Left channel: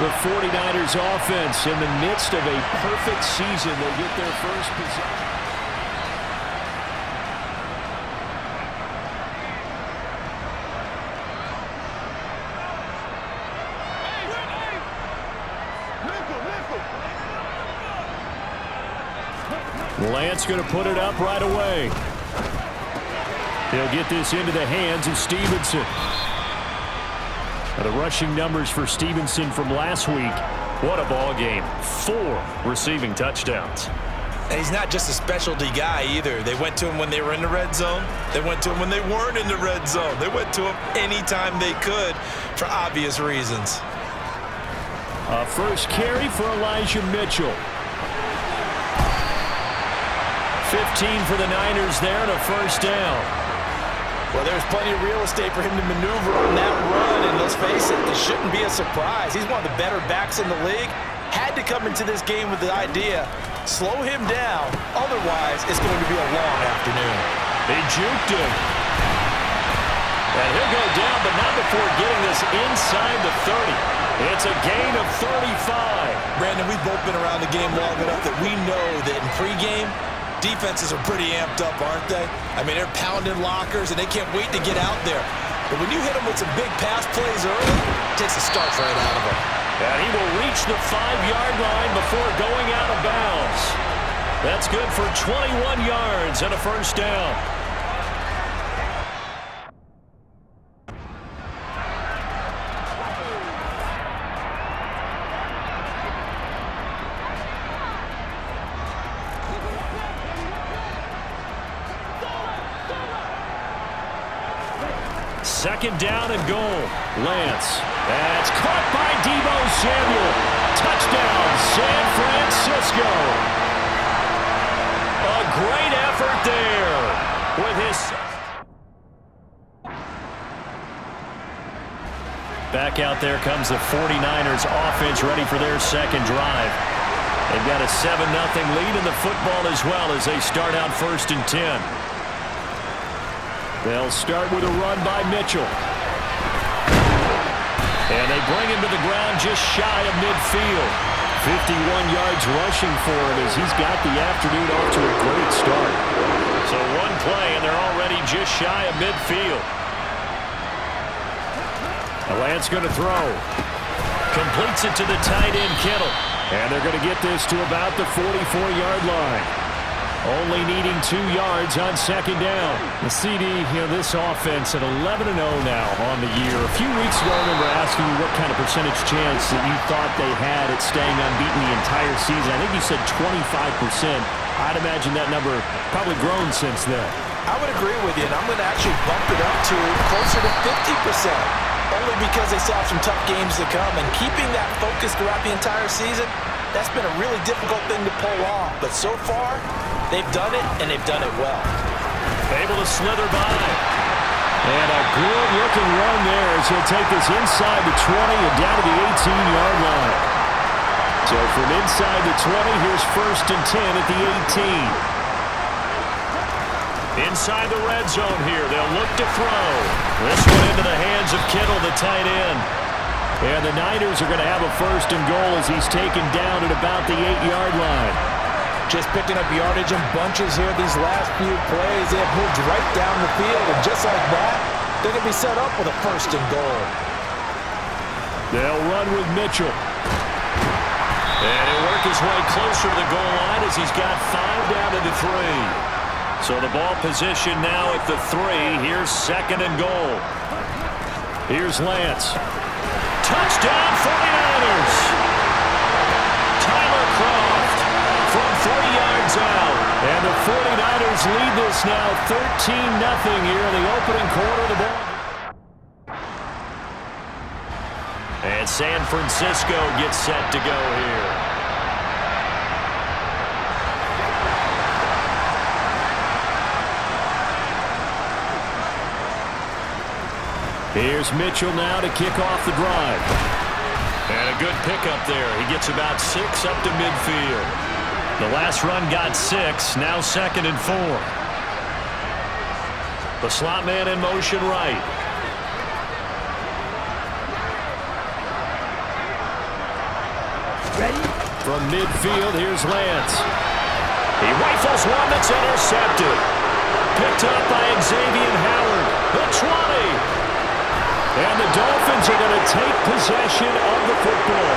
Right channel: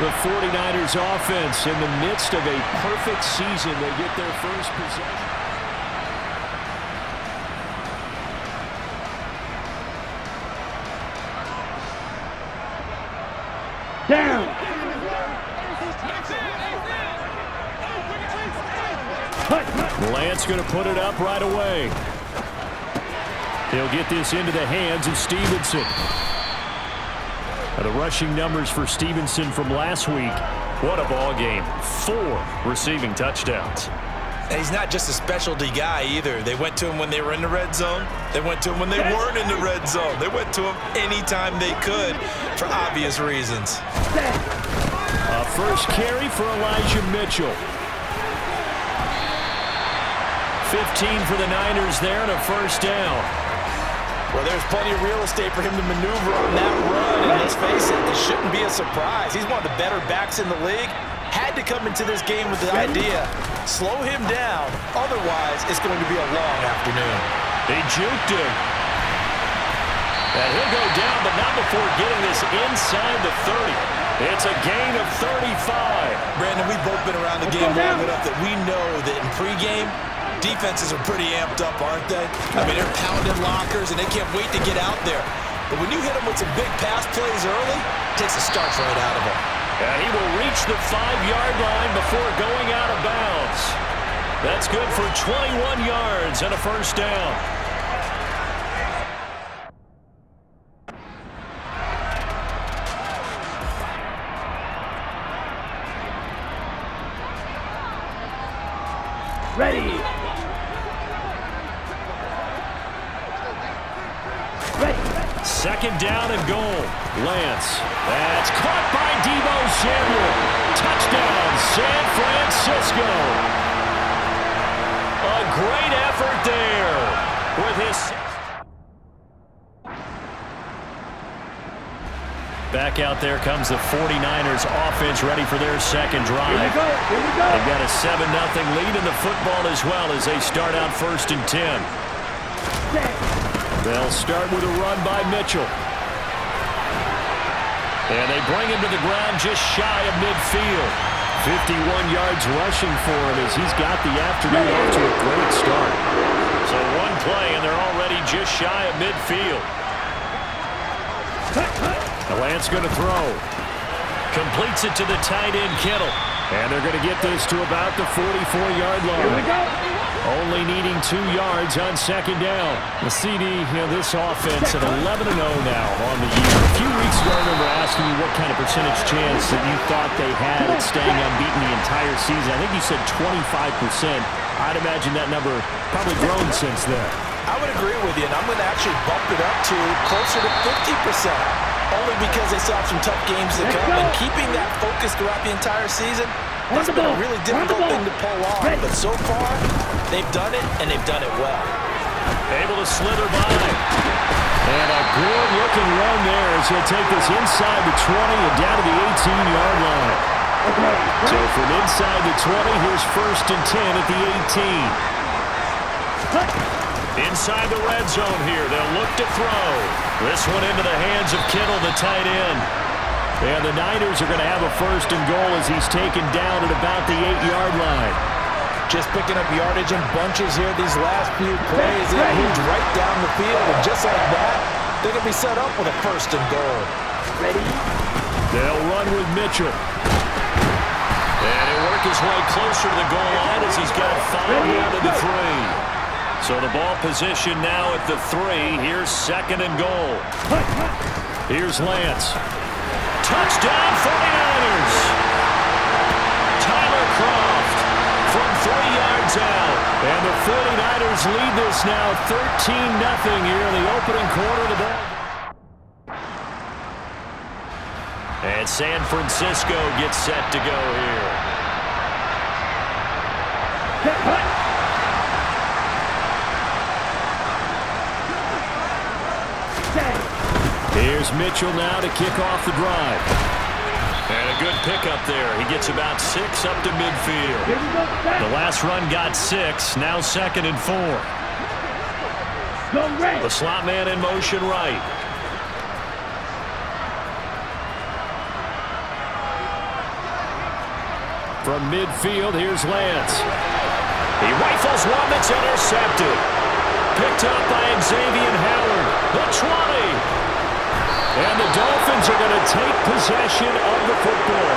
The 49ers offense in the midst of a perfect season. They get their first possession. Down. Lance going to put it up right away. He'll get this into the hands of Stevenson. Now the rushing numbers for Stevenson from last week. What a ball game. 4 receiving touchdowns. And he's not just a specialty guy either. They went to him when they were in the red zone. They went to him when they weren't in the red zone. They went to him anytime they could for obvious reasons. A first carry for Elijah Mitchell. 15 for the Niners there and a first down. Well, there's plenty of real estate for him to maneuver on that run, and let's face it, it shouldn't be a surprise. He's one of the better backs in the league. Had to come into this game with the idea, slow him down, otherwise it's going to be a long afternoon. They juked him. And he'll go down, but not before getting this inside the 30. It's a gain of 35. Brandon, we've both been around the game long enough that we know that in pregame, defenses are pretty amped up, aren't they? I mean, they're pounding lockers, and they can't wait to get out there. But when you hit them with some big pass plays early, it takes the starch right out of them. And he will reach the 5-yard line before going out of bounds. That's good for 21 yards and a first down. Ready. Second down and goal. Lance. That's caught by Deebo Samuel. Touchdown, San Francisco. A great effort there with his sixth. Back out there comes the 49ers offense ready for their second drive. They've got a 7-0 lead in the football as well as they start out 1st and 10. They'll start with a run by Mitchell. And they bring him to the ground just shy of midfield. 51 yards rushing for him as he's got the afternoon off to a great start. So one play and they're already just shy of midfield. Lance going to throw. Completes it to the tight end Kittle. And they're going to get this to about the 44-yard line. Only needing 2 yards on second down. The CD, this offense at 11-0 now on the year. A few weeks ago, I remember asking you what kind of percentage chance that you thought they had at staying unbeaten the entire season. I think you said 25%. I'd imagine that number probably grown since then. I would agree with you, and I'm going to actually bump it up to closer to 50%. Only because they still have some tough games to come, and keeping that focus throughout the entire season, that's been a really difficult thing to pull off. But so far, they've done it, and they've done it well. Able to slither by. And a good-looking run there as he'll take this inside the 20 and down to the 18-yard line. So from inside the 20, here's 1st and 10 at the 18. Inside the red zone here, they'll look to throw. This one into the hands of Kittle, the tight end. And the Niners are going to have a 1st and goal as he's taken down at about the 8-yard line. Just picking up yardage in bunches here these last few plays. They've moved right down the field, and just like that, they're going to be set up with a 1st and goal. They'll run with Mitchell. And he'll work his way closer to the goal line as he's got 5 down to the 3. So the ball position now at the 3. Here's 2nd and goal. Here's Lance. Touchdown 49ers. Tyler Kroft from 3 yards out. And the 49ers lead this now 13-0 here in the opening quarter of the ball. And San Francisco gets set to go here. Here's Mitchell now to kick off the drive. And a good pickup there. He gets about 6 up to midfield. The last run got 6, now 2nd and 4. The slot man in motion right. From midfield, here's Lance. He rifles one that's intercepted. Picked up by Xavier Howard. The 20. And the Dolphins are going to take possession of the football.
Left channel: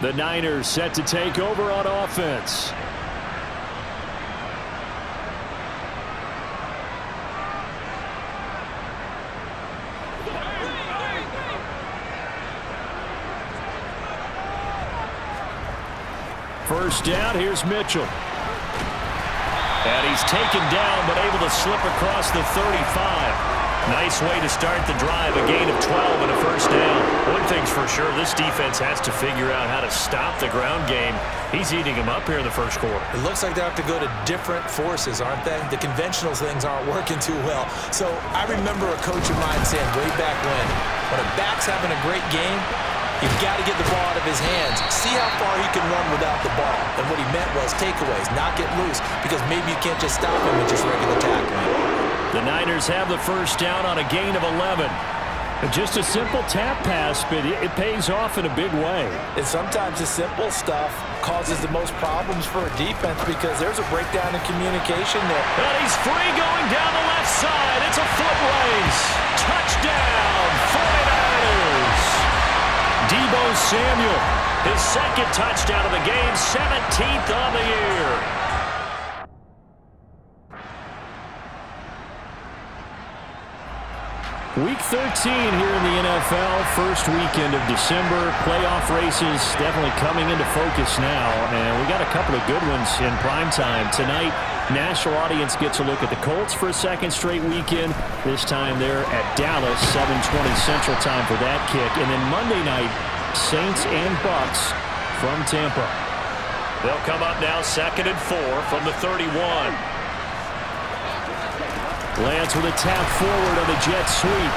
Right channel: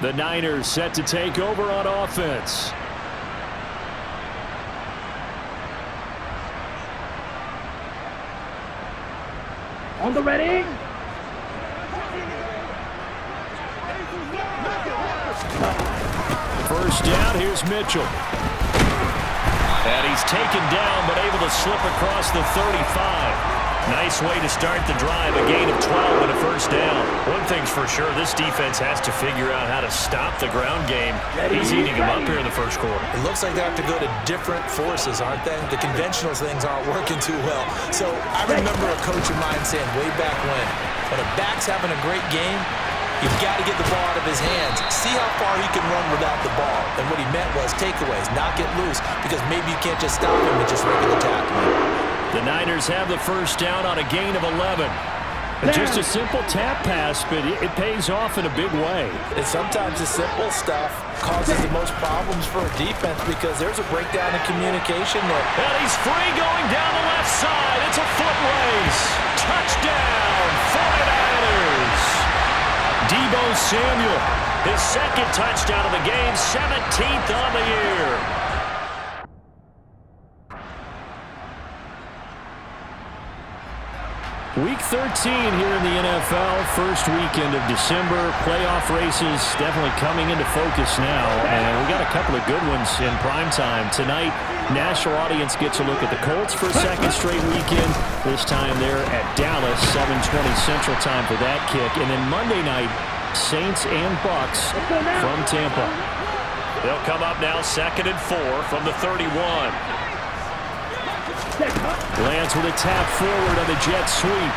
The Niners set to take over on offense. On the ready. First down, here's Mitchell. And he's taken down, but able to slip across the 35. Nice way to start the drive, a gain of 12 and a first down. One thing's for sure, this defense has to figure out how to stop the ground game. He's eating them up here in the first quarter. It looks like they have to go to different forces, aren't they? The conventional things aren't working too well. So I remember a coach of mine saying way back when a back's having a great game, you've got to get the ball out of his hands. See how far he can run without the ball. And what he meant was takeaways, not get loose, because maybe you can't just stop him with just regular tackling. The Niners have the first down on a gain of 11. Just a simple tap pass, but it pays off in a big way. And sometimes the simple stuff causes the most problems for a defense because there's a breakdown in communication there. And he's free going down the left side. It's a foot race. Touchdown, 49ers. Deebo Samuel, his second touchdown of the game, 17th on the year. Week 13 here in the NFL, first weekend of December. Playoff races definitely coming into focus now, and we got a couple of good ones in prime time. Tonight, national audience gets a look at the Colts for a second straight weekend. This time they're at Dallas, 7:20 Central Time for that kick. And then Monday night, Saints and Bucks from Tampa. They'll come up now 2nd and 4 from the 31. Lance with a tap forward on the jet sweep.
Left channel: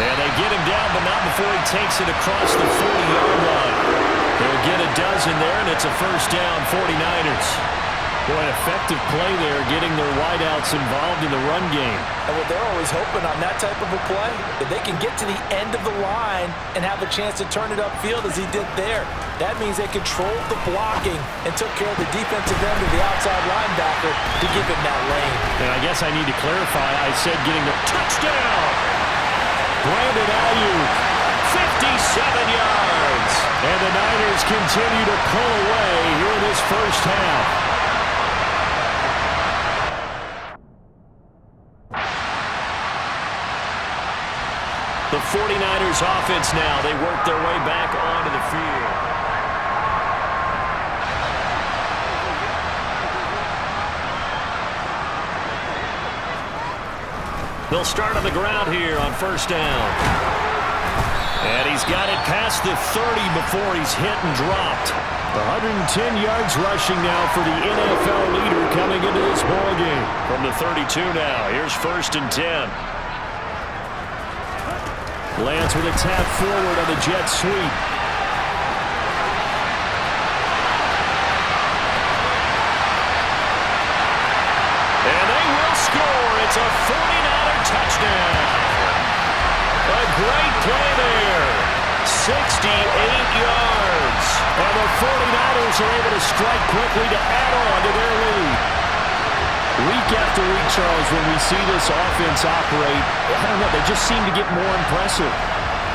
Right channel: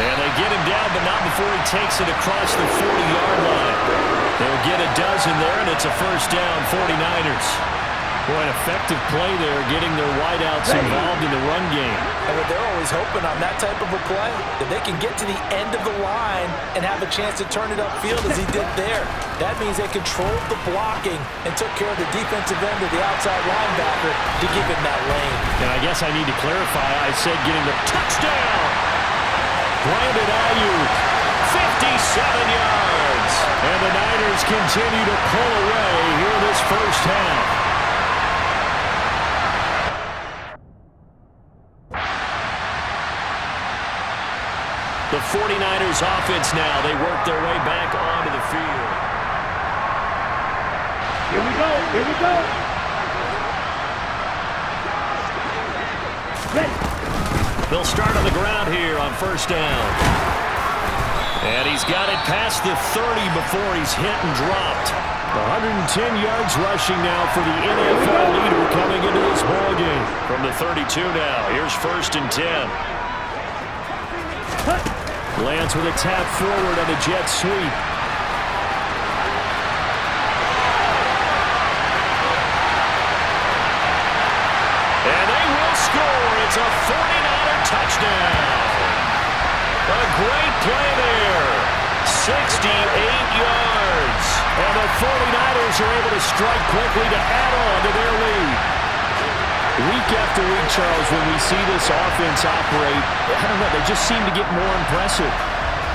And they get him down, but not before he takes it across the 40-yard line. They'll get a dozen there, and it's a first down, 49ers. Boy, an effective play there, getting their wideouts involved in the run game. And what they're always hoping on that type of a play, that they can get to the end of the line and have a chance to turn it upfield as he did there. That means they controlled the blocking and took care of the defensive end of the outside linebacker to give him that lane. And I guess I need to clarify, I said getting the touchdown. Brandon Ayuk, 57 yards. And the Niners continue to pull away here in this first half. The 49ers offense now, they work their way back onto the field. Here we go. Here we go. They'll start on the ground here on first down. And he's got it past the 30 before he's hit and dropped. 110 yards rushing now for the NFL leader coming into this ballgame. From the 32 now, here's 1st and 10. Lance with a tap forward on the jet sweep. And they will score. It's a 49er touchdown. A great play there. 68 yards. And the 49ers are able to strike quickly to add on to their lead. Week after week, Charles, when we see this offense operate, I don't know, they just seem to get more impressive.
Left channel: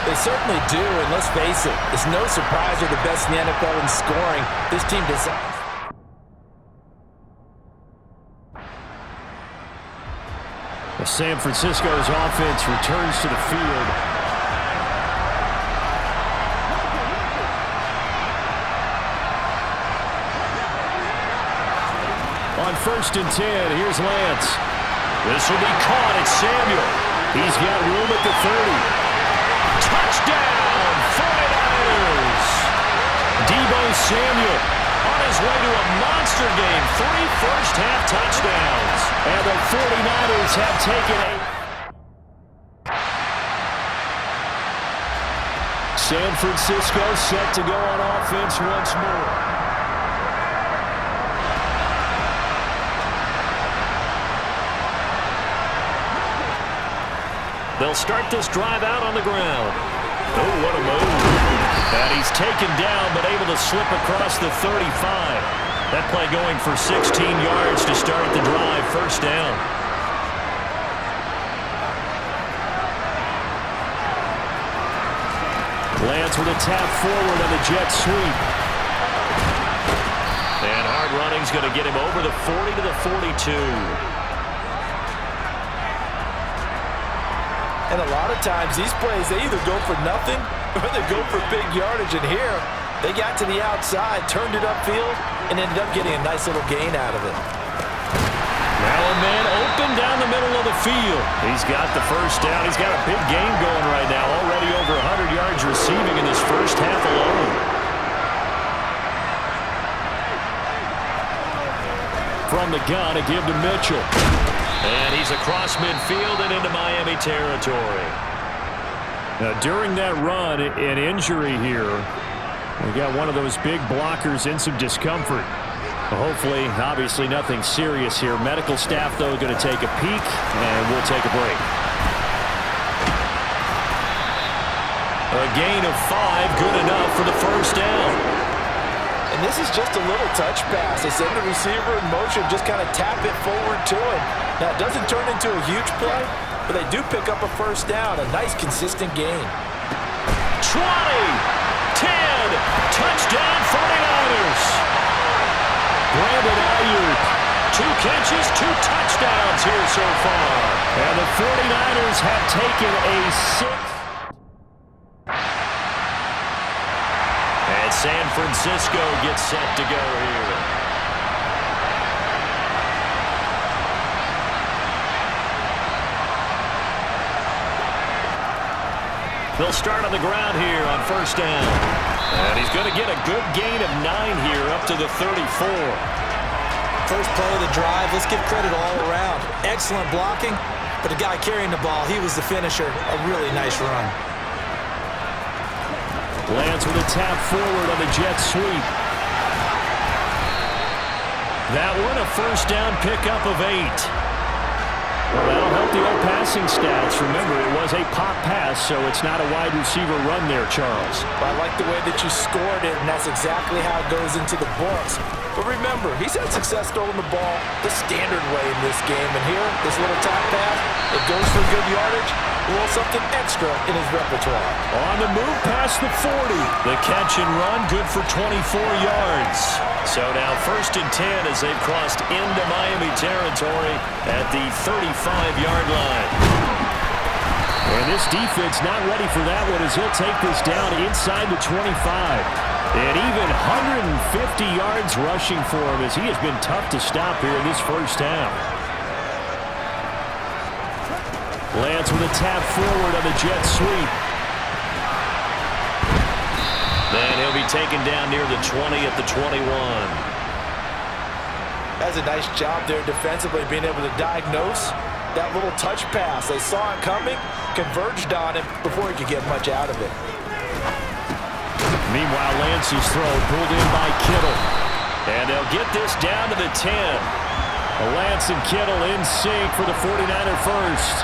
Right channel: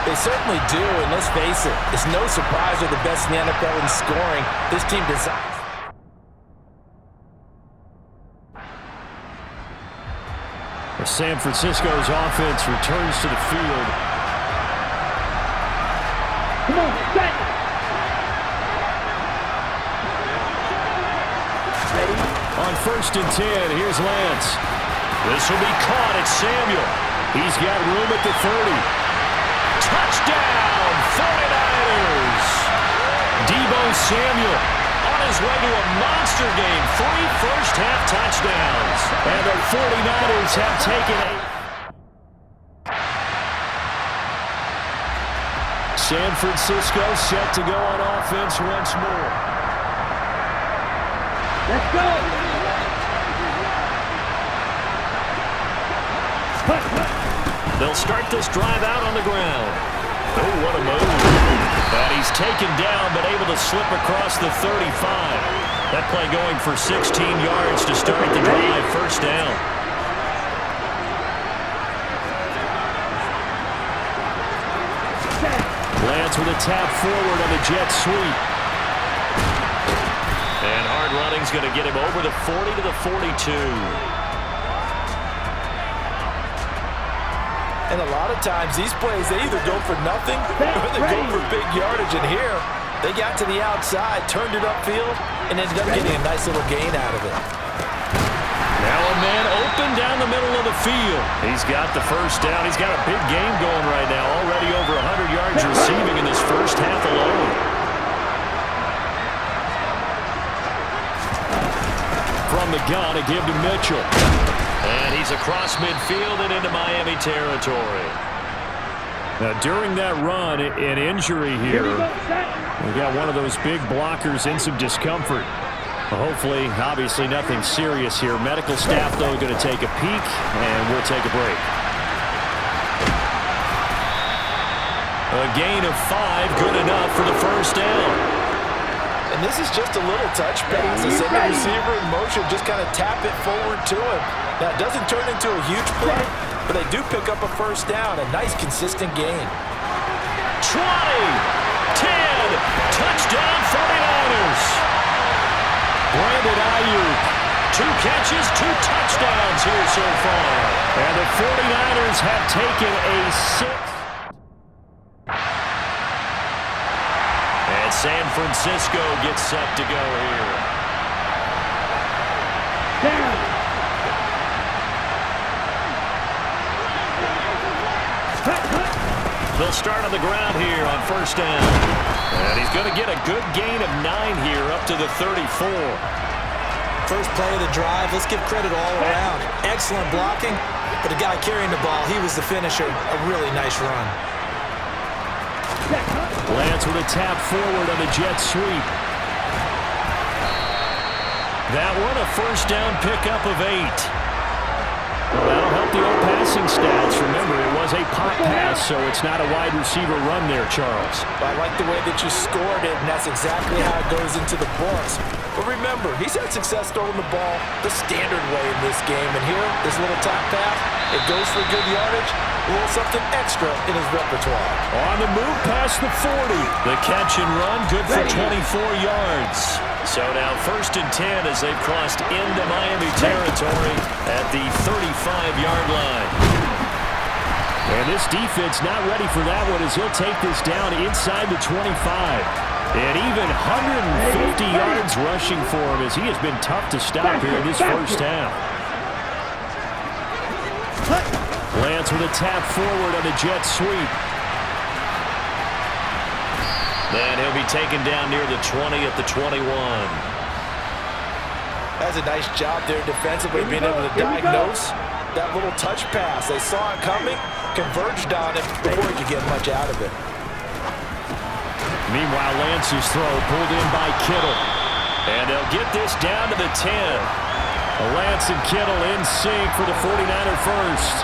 They certainly do, and let's face it, it's no surprise they're the best in the NFL in scoring. This team designs. San Francisco's offense returns to the field. On 1st and 10, here's Lance. This will be caught at Samuel. He's got room at the 30. Touchdown, 49ers! Deebo Samuel on his way to a monster game. 3 first-half touchdowns. And the 49ers have taken a... San Francisco set to go on offense once more. They'll start this drive out on the ground. Oh, what a move. And he's taken down, but able to slip across the 35. That play going for 16 yards to start the drive. First down. Lance with a tap forward on the jet sweep. And hard running's going to get him over the 40 to the 42. And a lot of times these plays, they either go for nothing or they go for big yardage. And here, they got to the outside, turned it upfield, and ended up getting a nice little gain out of it. Now a man open down the middle of the field. He's got the first down. He's got a big game going right now. Already over 100 yards receiving in this first half alone. From the gun, a give to Mitchell. And he's across midfield and into Miami territory. Now, during that run, an injury here. We got one of those big blockers in some discomfort. Hopefully, obviously nothing serious here. Medical staff, though, going to take a peek, and we'll take a break. A gain of 5, good enough for the first down. And this is just a little touch pass. They send the receiver in motion, just kind of tap it forward to him. Now, it doesn't turn into a huge play, but they do pick up a first down, a nice, consistent gain. 20, 10, touchdown 49ers. Brandon Ayuk, 2 catches, 2 touchdowns here so far. And the 49ers have taken a 6. And San Francisco gets set to go here. They'll start on the ground here on first down. And he's going to get a good gain of 9 here up to the 34. First play of the drive, let's give credit all around. Excellent blocking, but the guy carrying the ball, he was the finisher. A really nice run. Lance with a tap forward on the jet sweep. That one, a first down pickup of 8. Well, that'll help the old passing stats. Remember, it was a pop pass, so it's not a wide receiver run there, Charles. I like the way that you scored it, and that's exactly how it goes into the books. But remember, he's had success throwing the ball the standard way in this game. And here, this little tap pass, it goes for good yardage, a little something extra in his repertoire. On the move past the 40. The catch and run, good for 24 yards. So now 1st and 10 as they've crossed into Miami territory at the 35-yard line. And this defense not ready for that one as he'll take this down inside the 25. And even 150 yards rushing for him as he has been tough to stop here in this first half. Lance with a tap forward on the jet sweep. Then he'll be taken down near the 20 at the 21. That's a nice job there defensively, being able to diagnose that little touch pass. They saw it coming, converged on it before he could get much out of it. Meanwhile, Lance's throw pulled in by Kittle. And they'll get this down to the 10. Lance and Kittle in sync for the 49er first.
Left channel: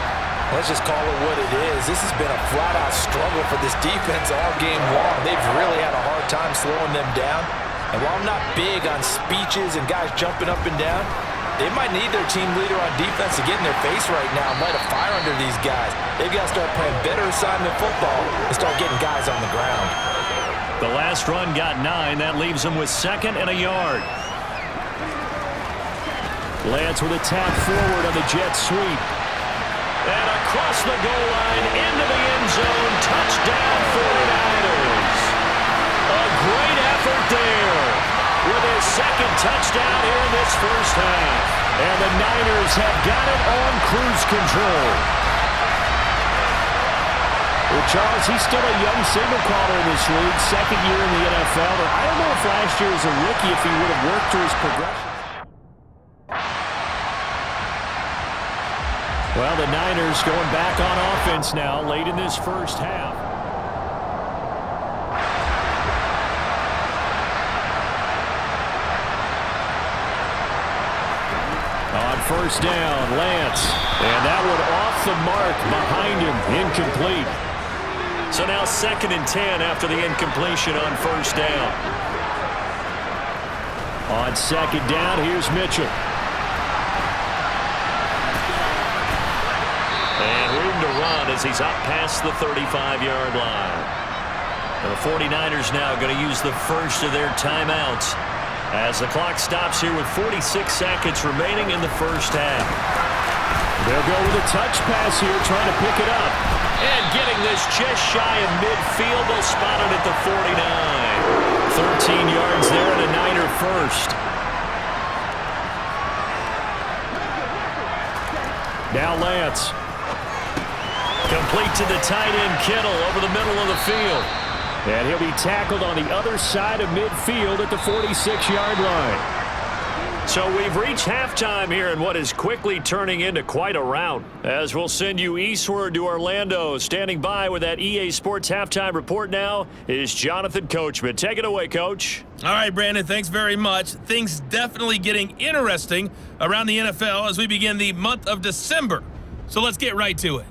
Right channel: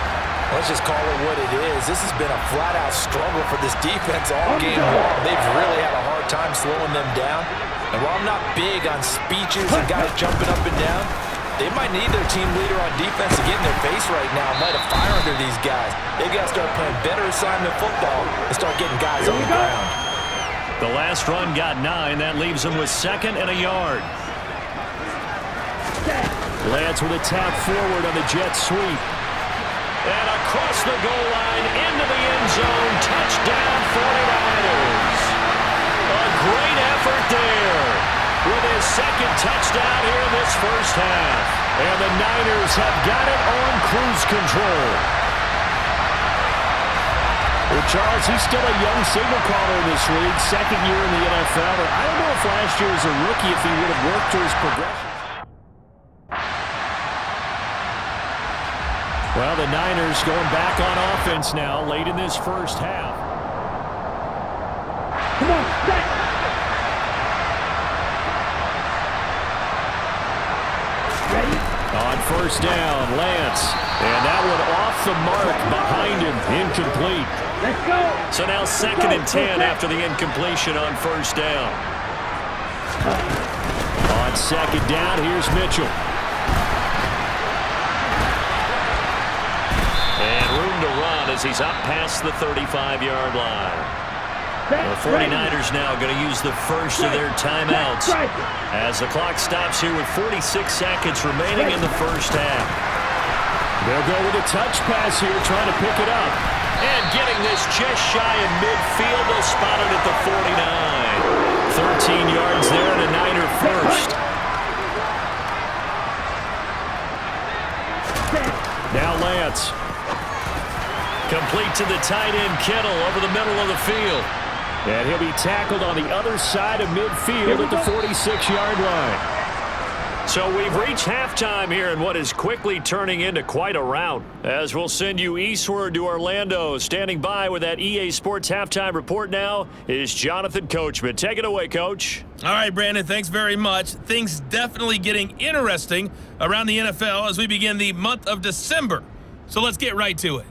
Let's just call it what it is. This has been a flat-out struggle for this defense all game long. They've really had a hard time slowing them down. And while I'm not big on speeches and guys jumping up and down, they might need their team leader on defense to get in their face right now and light a fire under these guys. They've got to start playing better assignment football and start getting guys on the ground. The last run got 9. That leaves them with 2nd and a yard. Lance with a tap forward on the jet sweep. And across the goal line into the end zone. Touchdown 49ers. A great effort there with his 2nd touchdown here in this first half. And the Niners have got it on cruise control. Well, Charles, he's still a young signal caller in this league. 2nd year in the NFL. But I don't know if last year as a rookie if he would have worked through his progression. Well, the Niners going back on offense now late in this first half. On first down. Lance. And that one off the mark behind him. Incomplete. Let's So now 2nd and 10 after the incompletion on first down. On 2nd down, here's Mitchell. And room to run as he's up past the 35-yard line. The 49ers now going to use the first of their timeouts as the clock stops here with 46 seconds remaining in the first half. They'll go with a touch pass here, trying to pick it up. And getting this just shy of midfield, they'll spot it at the 49. 13 yards there and a Niner first. Now Lance. Complete to the tight end, Kittle, over the middle of the field. And he'll be tackled on the other side of midfield at the 46-yard line. So we've reached halftime here in what is quickly turning into quite a rout. As we'll send you eastward to Orlando. Standing by with that EA Sports halftime report now is Jonathan Coachman. Take it away, Coach. All right, Brandon, thanks very much. Things definitely getting interesting around the NFL as we begin the month of December. So let's get right to it.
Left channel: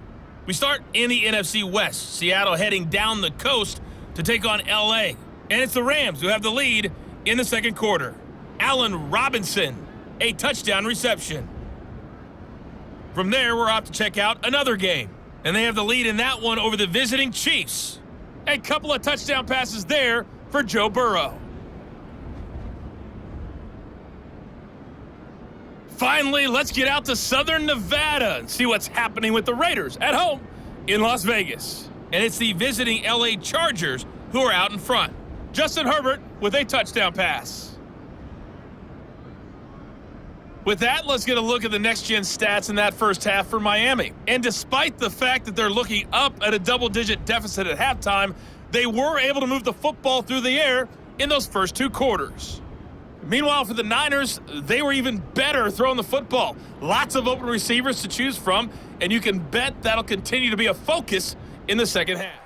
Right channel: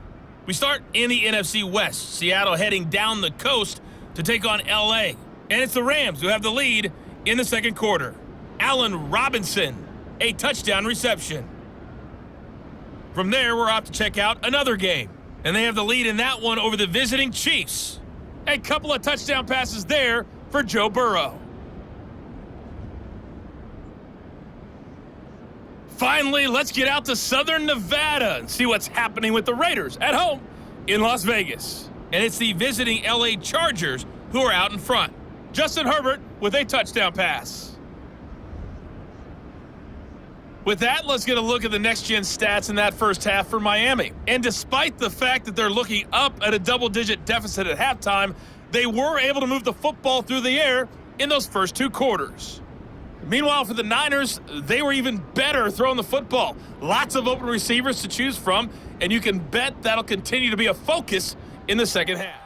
We start in the NFC West. Seattle heading down the coast to take on LA. And it's the Rams who have the lead in the second quarter. Allen Robinson, a touchdown reception. From there, we're off to check out another game. And they have the lead in that one over the visiting Chiefs. A couple of touchdown passes there for Joe Burrow. Finally, let's get out to Southern Nevada and see what's happening with the Raiders at home in Las Vegas. And it's the visiting LA Chargers who are out in front. Justin Herbert with a touchdown pass. With that, let's get a look at the next-gen stats in that first half for Miami. And despite the fact that they're looking up at a double-digit deficit at halftime, they were able to move the football through the air in those first two quarters. Meanwhile, for the Niners, they were even better throwing the football. Lots of open receivers to choose from, and you can bet that'll continue to be a focus in the second half.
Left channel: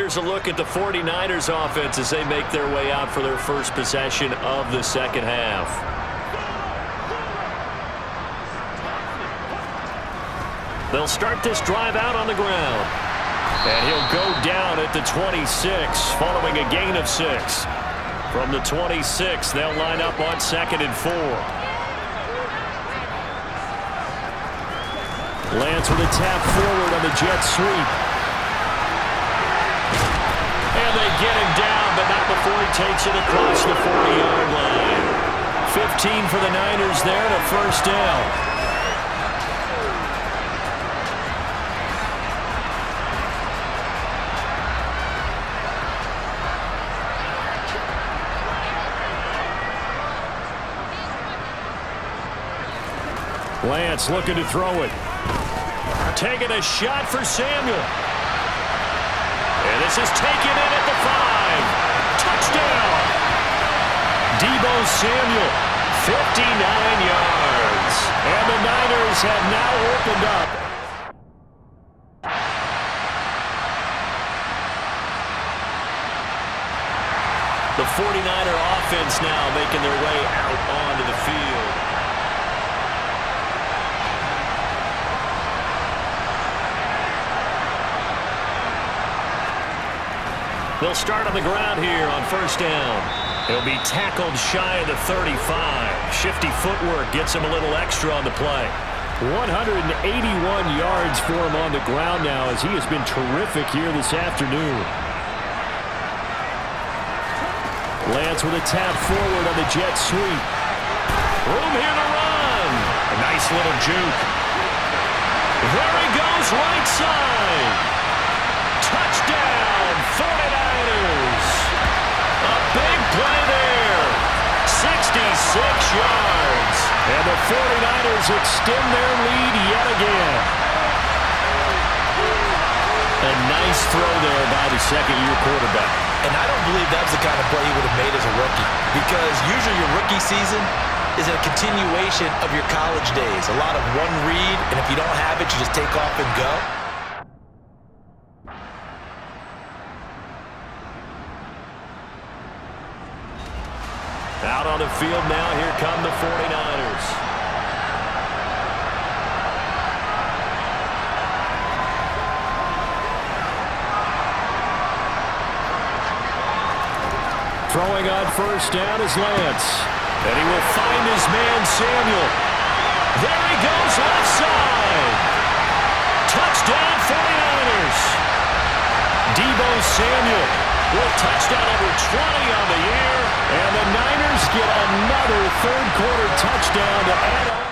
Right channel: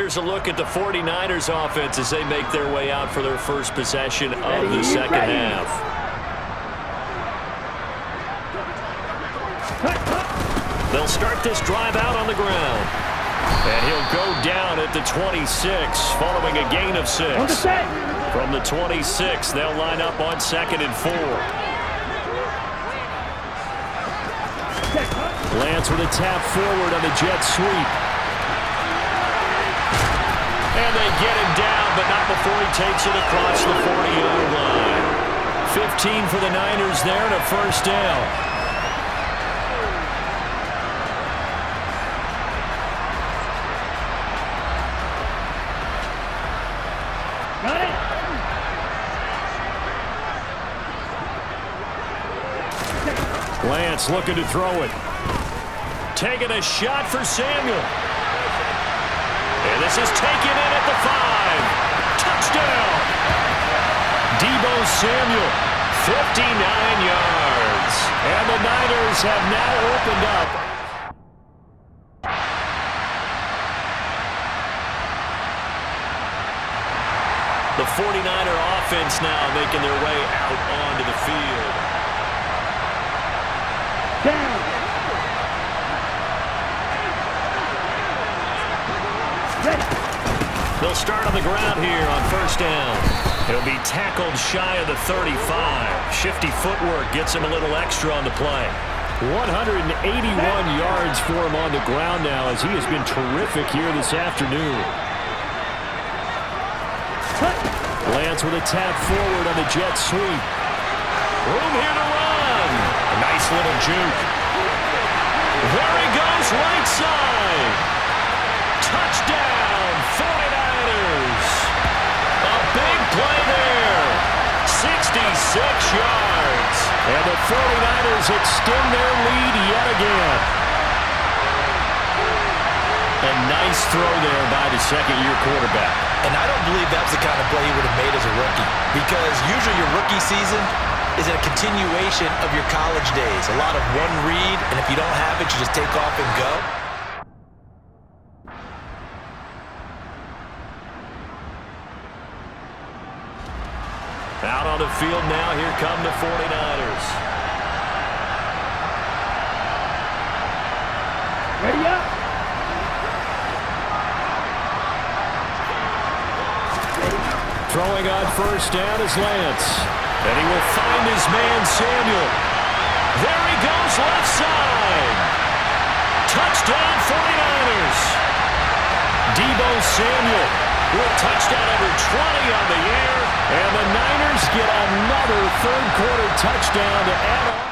Here's a look at the 49ers offense as they make their way out for their first possession of the second half. They'll start this drive out on the ground. And he'll go down at the 26 following a gain of 6. From the 26, they'll line up on 2nd and 4. Lance with a tap forward on the jet sweep. And they get him down, but not before he takes it across the 40-yard line. 15 for the Niners there and a first down. Lance looking to throw it. Taking a shot for Samuel. And this is taken in at the 5. Touchdown! Deebo Samuel, 59 yards. and the Niners have now opened up. The 49er offense now making their way out onto the field. They'll start on the ground here on first down. He'll be tackled shy of the 35. Shifty footwork gets him a little extra on the play. 181 yards for him on the ground now as he has been terrific here this afternoon. Lance with a tap forward on the jet sweep. Room here to run. A nice little juke. There he goes, right side. Touchdown, 49ers. A big play there. 66 yards. And the 49ers extend their lead yet again. A nice throw there by the second-year quarterback. And I don't believe that was the kind of play he would have made as a rookie, because usually your rookie season is a continuation of your college days. A lot of one read, and if you don't have it, you just take off and go. Out on the field now, here come the 49ers. Ready up. Throwing on first down is Lance. And he will find his man, Samuel. There he goes, left side. Touchdown, 49ers. Deebo Samuel with touchdown number 20 on the year. And the Niners get another third-quarter touchdown to add on.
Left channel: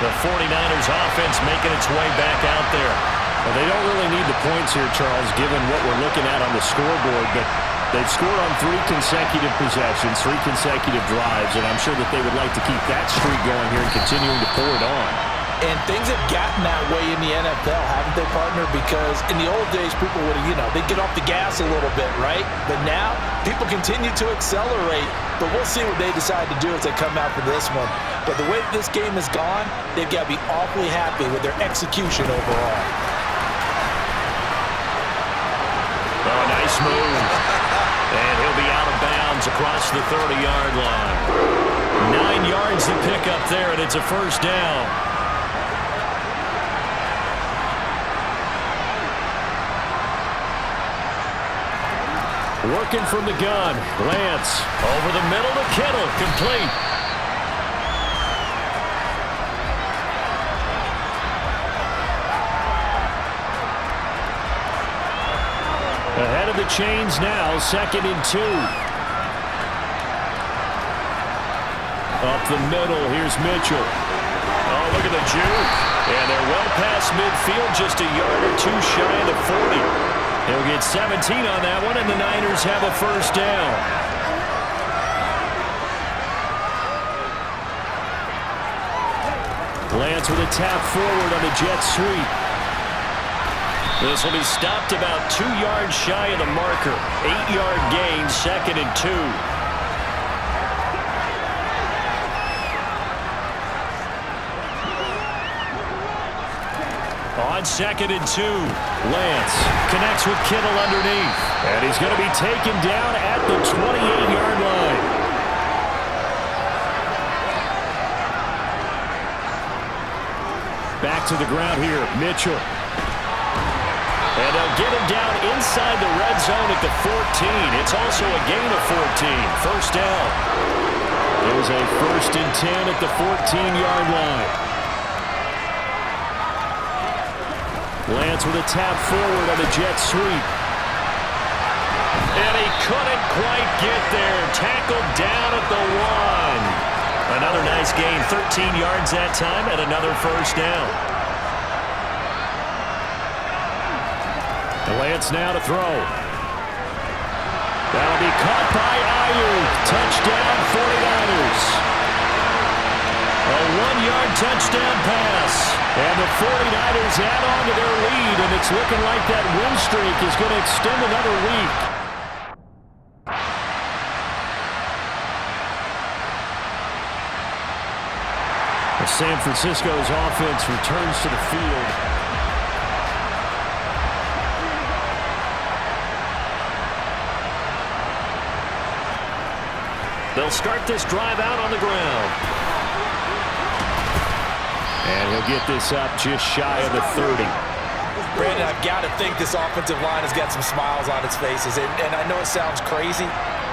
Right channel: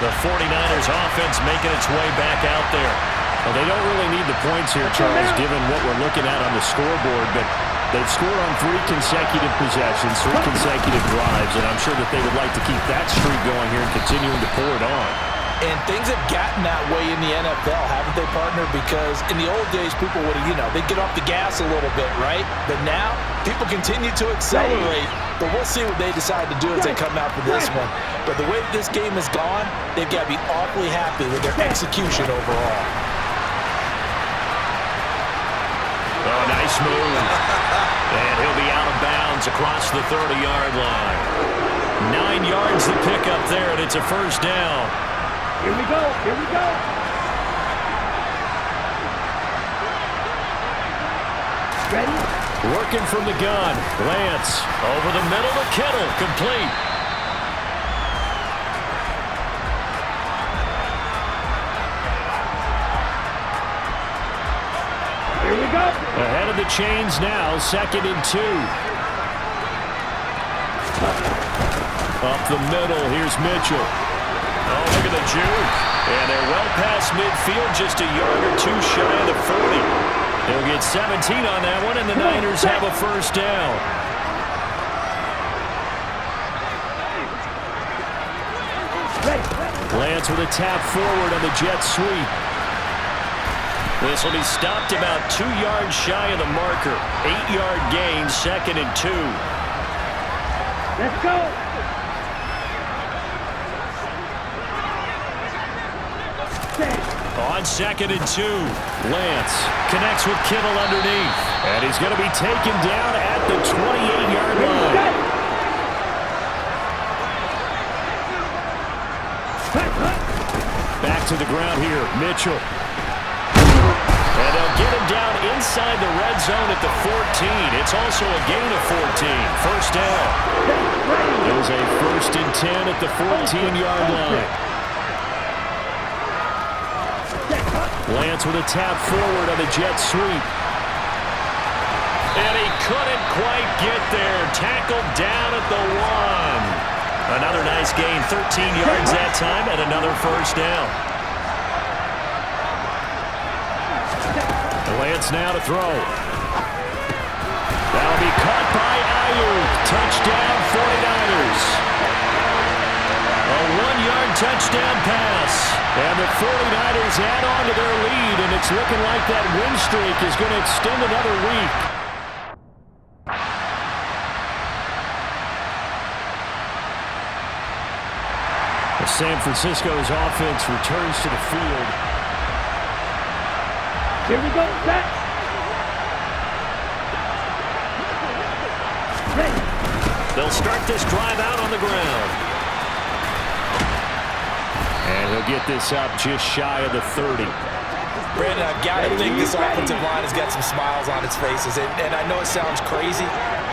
The 49ers offense making its way back out there. Well, they don't really need the points here, Charles, given what we're looking at on the scoreboard, but they've scored on 3 consecutive possessions, 3 consecutive drives, and I'm sure that they would like to keep that streak going here and continuing to pour it on. And things have gotten that way in the NFL, haven't they, partner? Because in the old days, people would have, they'd get off the gas a little bit, right? But now, people continue to accelerate. But we'll see what they decide to do as they come out for this one. But the way this game has gone, they've got to be awfully happy with their execution overall. Oh, nice move. And he'll be out of bounds across the 30-yard line. 9 yards to pick up there, and it's a first down. Here we go. Here we go. Ready? Working from the gun. Lance over the middle to Kittle. Complete. Ahead of the chains now, 2nd and 2. Up the middle, here's Mitchell. Oh, look at the juke. And they're well past midfield, just a yard or 2 shy of the 40. He'll get 17 on that one, and the Niners have a first down. Lance with a tap forward on the jet sweep. This will be stopped about 2 yards shy of the marker. 8-yard gain, 2nd and 2. Let's go. On 2nd and 2, Lance connects with Kittle underneath. And he's going to be taken down at the 28-yard line. Back to the ground here, Mitchell. And they'll get him down inside the red zone at the 14. It's also a gain of 14. First down. There's a 1st and 10 at the 14-yard line. Lance with a tap forward on the jet sweep. And he couldn't quite get there. Tackled down at the 1. Another nice gain, 13 yards that time, and another first down. Lance now to throw. That'll be caught by Ayuk. Touchdown, 49ers. A 1-yard touchdown pass. And the 49ers add on to their lead, and it's looking like that win streak is going to extend another week. San Francisco's offense returns to the field. Here we go, Zach. They'll start this drive out on the ground. And he'll get this up just shy of the 30. Brandon, I've got to think this offensive line has got some smiles on its faces. And I know it sounds crazy,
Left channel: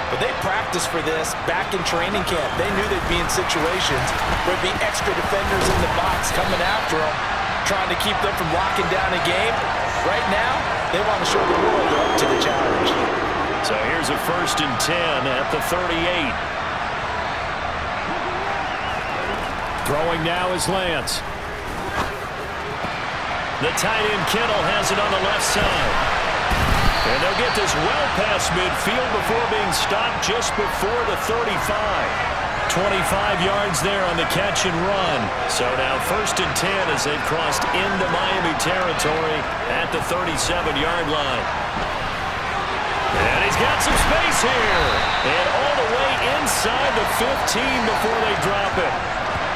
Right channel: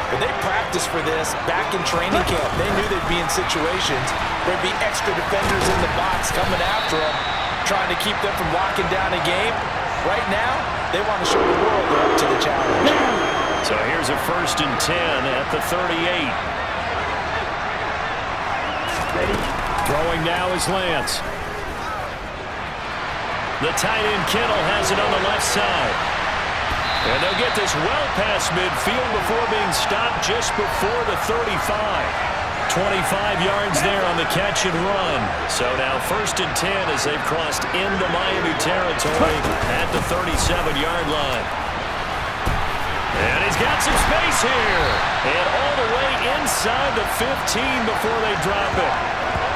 but they practiced for this back in training camp. They knew they'd be in situations where there'd be extra defenders in the box coming after them, trying to keep them from locking down a game. Right now, they want to show the world they're up to the challenge. So here's a 1st and 10 at the 38. Throwing now is Lance. The tight end Kittle has it on the left side. And they'll get this well past midfield before being stopped just before the 35. 25 yards there on the catch and run. So now 1st and 10 as they've crossed into Miami territory at the 37-yard line. And he's got some space here. And all the way inside the 15 before they drop it.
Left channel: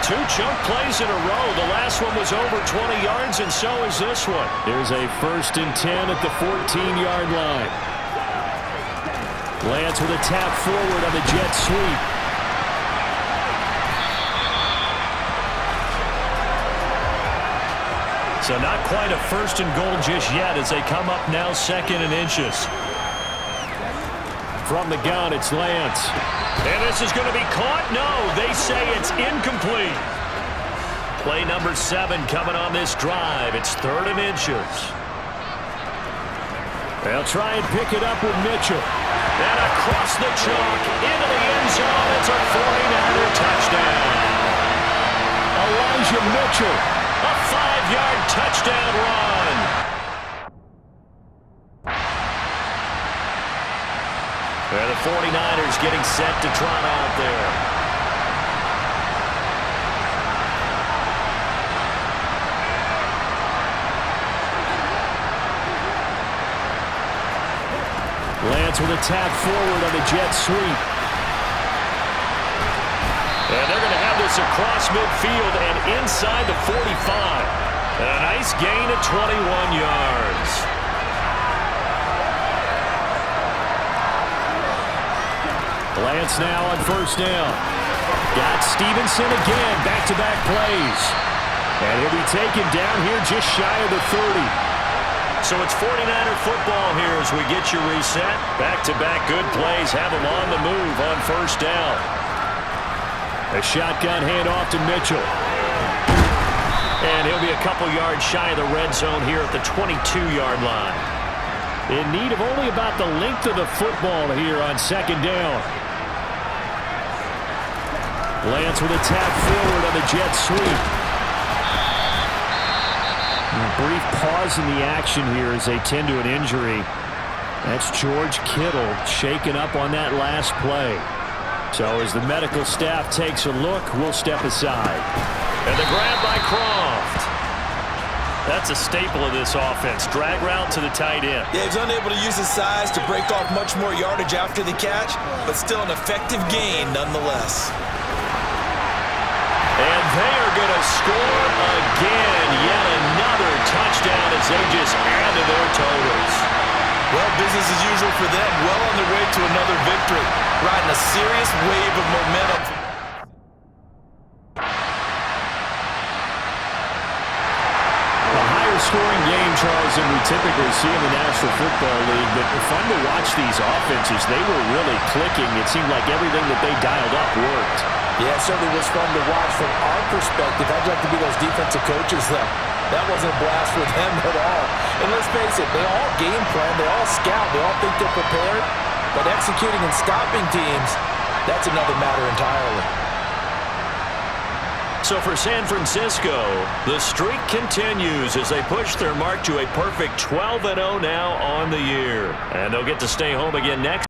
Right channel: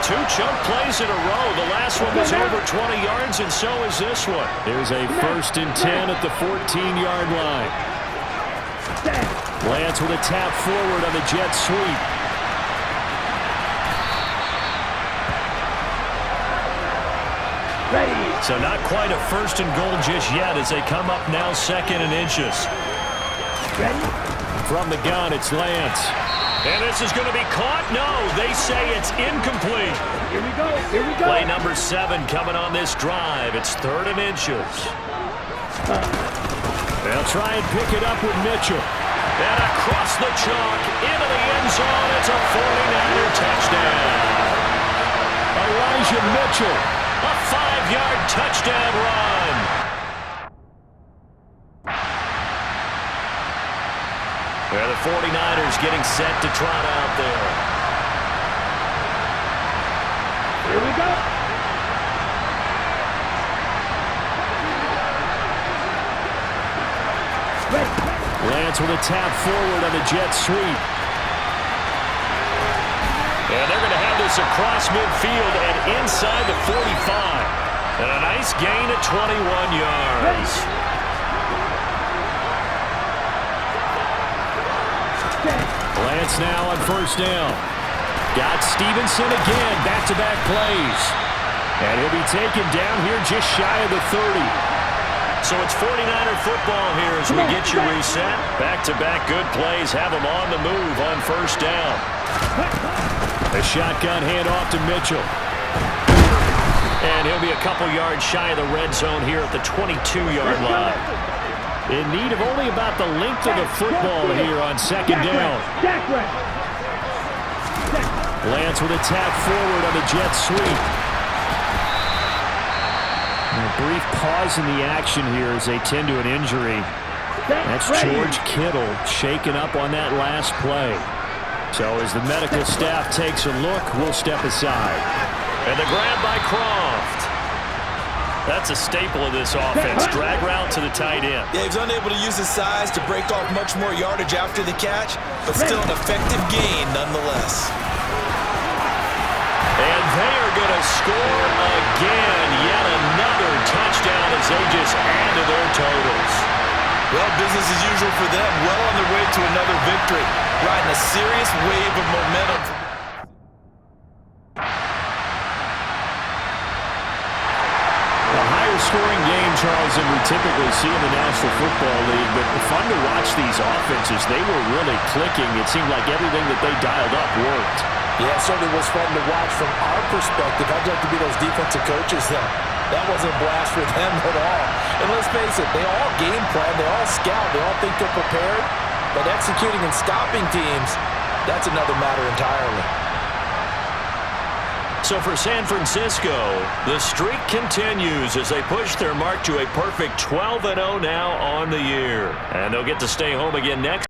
2 chunk plays in a row. The last one was over 20 yards, and so is this one. Here's a 1st and 10 at the 14-yard line. Lance with a tap forward on the jet sweep. So not quite a 1st and goal just yet as they come up now 2nd and inches. From the gun, it's Lance. And this is going to be caught. No, they say it's incomplete. Here we go. Here we go. Play number 7 coming on this drive. It's 3rd and inches. They'll try and pick it up with Mitchell. And across the chalk into the end zone. It's a 49er touchdown. Elijah Mitchell, a 5-yard touchdown run. Well, the 49ers getting set to trot out there. Here we go. Lance with a tap forward on the jet sweep. And they're going to have this across midfield and inside the 45. And a nice gain of 21 yards. Lance now on 1st down. Got Stevenson again, back-to-back plays. And he'll be taken down here just shy of the 30. So it's 49er football here as we get you reset. Back-to-back good plays have them on the move on 1st down. A shotgun handoff to Mitchell. And he'll be a couple yards shy of the red zone here at the 22-yard line. In need of only about the length of the football here on 2nd down. Lance with a tap forward on the jet sweep. A brief pause in the action here as they tend to an injury. That's George Kittle shaken up on that last play. So as the medical staff takes a look, we'll step aside. And the grab by Croft. That's a staple of this offense. Drag route to the tight end. Yeah, he's unable to use his size to break off much more yardage after the catch, but still an effective gain nonetheless. And they are going to score again. Yet another touchdown as they just add to their totals. Well, business as usual for them. Well on their way to another victory. Riding a serious wave of momentum. Scoring game, Charles, than we typically see in the National Football League, but fun to watch these offenses. They were really clicking. It seemed like everything that they dialed up worked. Yeah, it certainly was fun to watch from our perspective. How'd you like to be those defensive coaches, though? That wasn't a blast for them at all. And let's face it, they all game plan, they all scout, they all think they're prepared, but executing and stopping teams, that's another matter entirely. So for San Francisco, the streak continues as they push their mark to a perfect 12-0 now on the year. And they'll get to stay home again next